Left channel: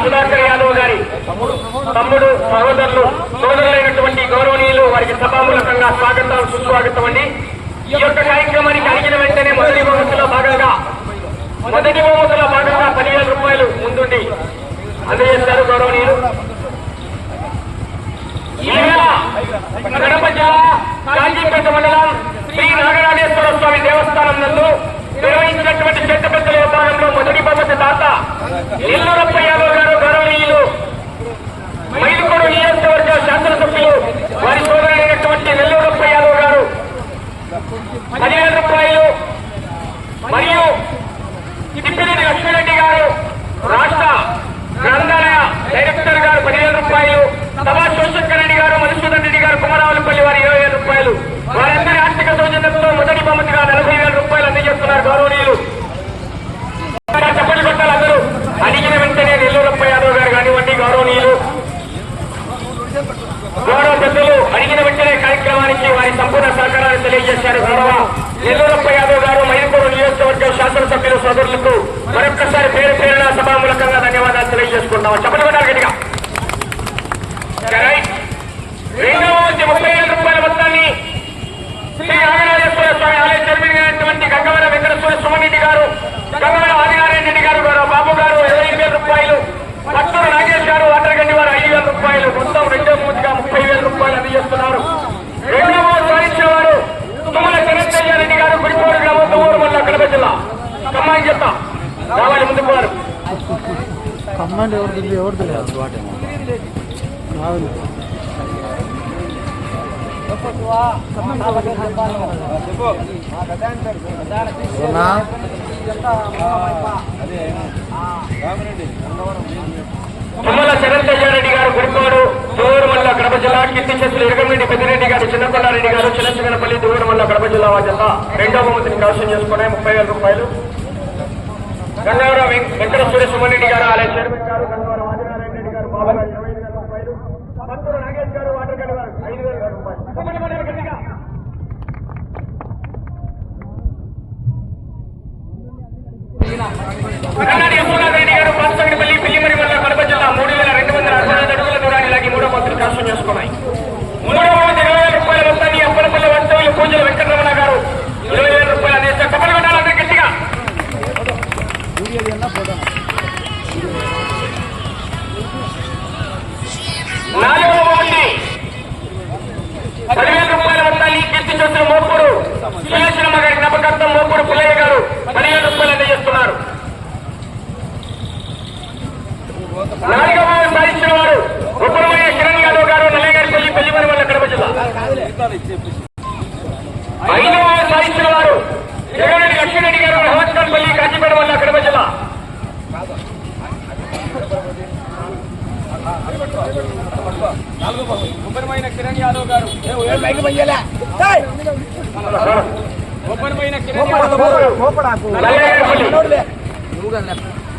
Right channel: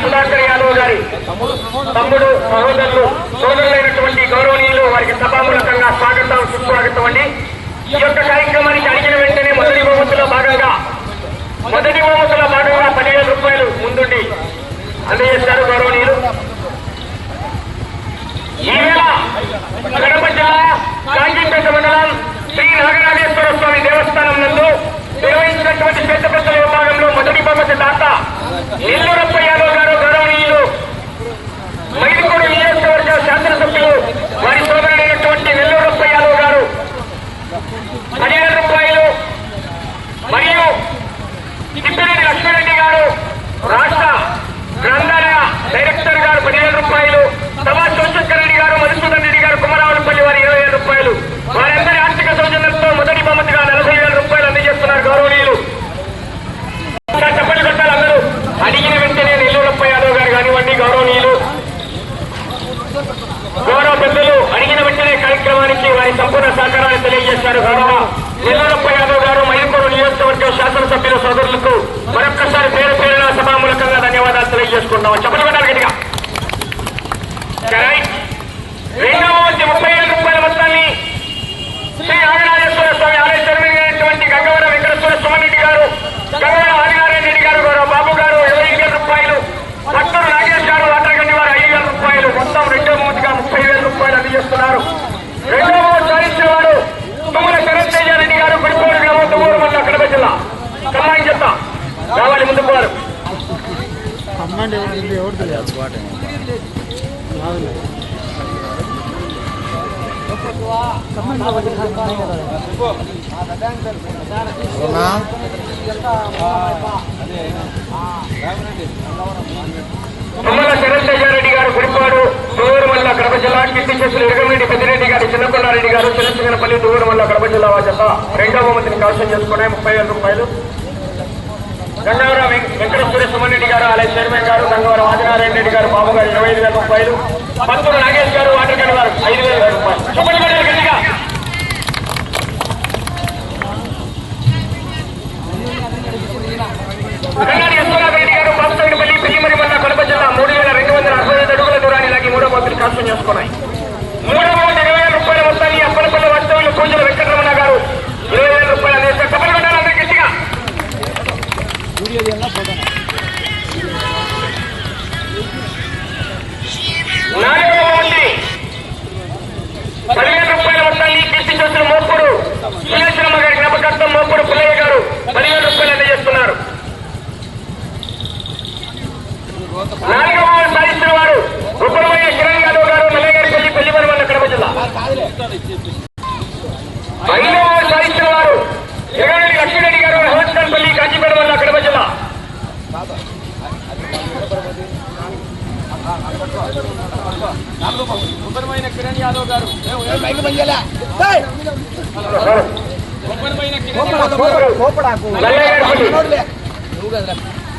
సుధాకర్ యాదవ్ గారి తమ్ముడు సహోదరులు సోదరులైనటువంటి గౌరవనీయులు వారికి సభామూలకంగా స్వాగతం సుస్వాగతం అండి ఈ యొక్క కార్యక్రమానికి అడిగిన వెంటనే మొదటి బహుమతిలో భాగంగా మొదటి బహుమతిలో భాగంగా పదివేల రూపాయలు ముందుండి చేశారు గౌరవనీయులు ఈవేళ కడప జిల్లా కాంచీపేట మండలం శ్రీ నాగరాజేశ్వర స్వామి దేవస్థానం నందు నిర్వహించినటువంటి చెత్తపచ్చల విభాగంలో మొదటి బహుమతి దాత నెల్లూరప్ప యాదవ్ గారు గౌరవనీయులు. మైలుకూరు నియోజకవర్గ శాసనసభ్యులు వారి సోదరుడైనటువంటి నెల్లూరప్ప యాదవ్ గారు. పదిహేను రూపాయలు. మరియు తిప్పిరెడ్డి లక్ష్మీరెడ్డి గారు రాష్ట్ర గ్రంథాలయ డైరెక్టర్ గారు పదివేల రూపాయలు సభా శివశంకర్ రెడ్డి గారు మధుసూదన్ రెడ్డి గారు కుమారావులపల్లి వారి ఇరవై వేల రూపాయలు వారందరి ఆర్థిక సౌజన్యంతో మొదటి బహుమతిగా నలభై వేల రూపాయలు అందజేస్తున్నారు గౌరవనీయులు ఇలా చెప్పండి కొట్టాలి అందరూ అడిగిన వెంటనే నెల్లూరప్ప ఉన్నటువంటి గౌరవనీయులు. గౌరవ పెద్దలు అడిగిన వెంటనే కార్యక్రమానికి వారి సంపూర్ణ సహకారాన్ని తెలియజేశారు గౌరవ. నెల్లూరప్ప యాదవ్ గారు మైలకూరు నియోజకవర్గ శాసనసభ్యుల సోదరులకు మరొక్కసారి పేరు పేరున సభామూలకంగా ధన్యవాదాలు తెలియజేసుకుందాం చెప్పలు కొట్టాలి గట్టిగా రైట్. ముప్పై ఏడు రూపాయల మొత్తాన్ని శ్రీ రాజరాజేశ్వర స్వామి ఆలయ చైర్మన్ అయినటువంటి గంగవరం వెంకటేశ్వర స్వామిరెడ్డి గారు గంగవరం ఆదినారాయణ రెడ్డి గారు గౌరవ బాబు గారు ఇరవై వేల రూపాయలు మొత్తం రెండో మూతిగా ముప్పై వేల రూపాయలు అందజేస్తున్నారు రెండవ మూడు సాధించిన వారు తుమ్మల కరీంతేజ రెడ్డి గారు గుడికోడు గ్రామం తుమ్మూరు మల్ల కడప జిల్లా. కమ్మాయి చెప్తా? రావాలి ముందుకు వారు తుమ్మల శరత్య్యారెడ్డి గారు దూరమల్ల కడప జిల్లా చేసిన ఇరగరెడ్డి పెద్దిరెడ్డి గారు చిన్నకొండారెడ్డి గారు చిన్నచిన్నపల్లి వల్ల కడప జిల్లా వాచత రెండవ బహుమతిని కలసం చేసుకునే ముప్పై వేల రూపాయలు. గంగవరం వెం- వెంకటేశ్వర సుమరెడ్డి గారు ఆలయ చైర్మన్ గారు గంగవర ఆదినారాయణ రెడ్డి గారు బాబు గారు ఇరవై ఐదు వేల రూపాయలు. పత్తూరు నాగేష్ గారు వాటర్ గారు ఐదు వేల రూపాయలు. చెప్పండి కొట్టాలి గట్టిగా. కర్ణాటక యశ్వనాథరెడ్డి కాంచీపురం కిరణ్ యాదవ్ గారు ఉపరమైన కిరణ్ యాదవ్ గారు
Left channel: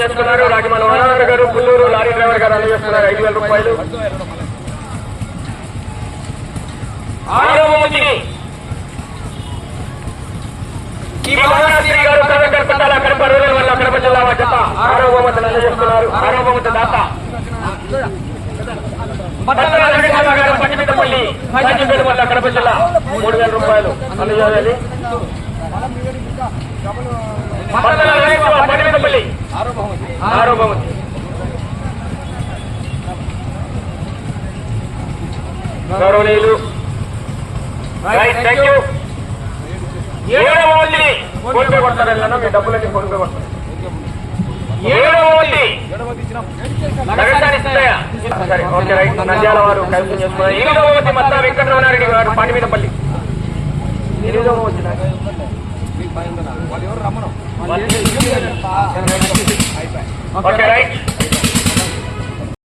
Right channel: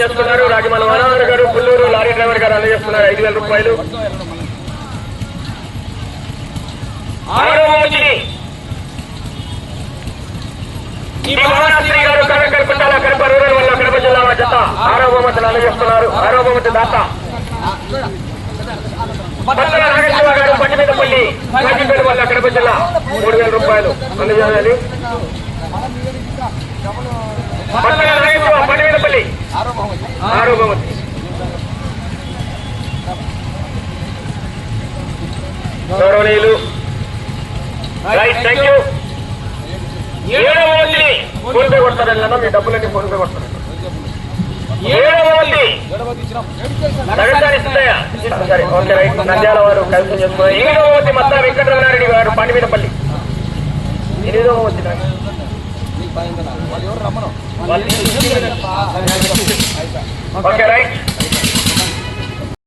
చేస్తున్నారు. రాజమల వనరాజు గారు పుల్లూరు లారీ డ్రైవర్ గారు అందజేస్తున్నారు ఐదు వేల రూపాయలు. ఆరవ ఈ గారు కలెక్టర్ కడప రూరల్ వల్ల కడప జిల్లా జత ఆరో అందజేస్తున్నారు ఆరో బహుమతి దాత. వల్ల కడప జిల్లా మూడు వేల రూపాయలు అందజేయాలని పట్టణ వెంకటరామ పట్టిమిట్టపల్లి ఆరో బహుమతి. గౌరవనీయులు రైట్ థ్యాంక్ యూ. ఏడవ మంది ఫోన్ పే కొడతారని అన్న మీ డబ్బులన్నీ ఫోన్ పే కొడతారు. సరే, ఓకే, రైట్. నంద్యాల వారు కైవసం చేసుకున్నారు ఎనిమిదవది మత్తా వెంకటరమణారెడ్డి గారు పండిమినపల్లి Okay, right?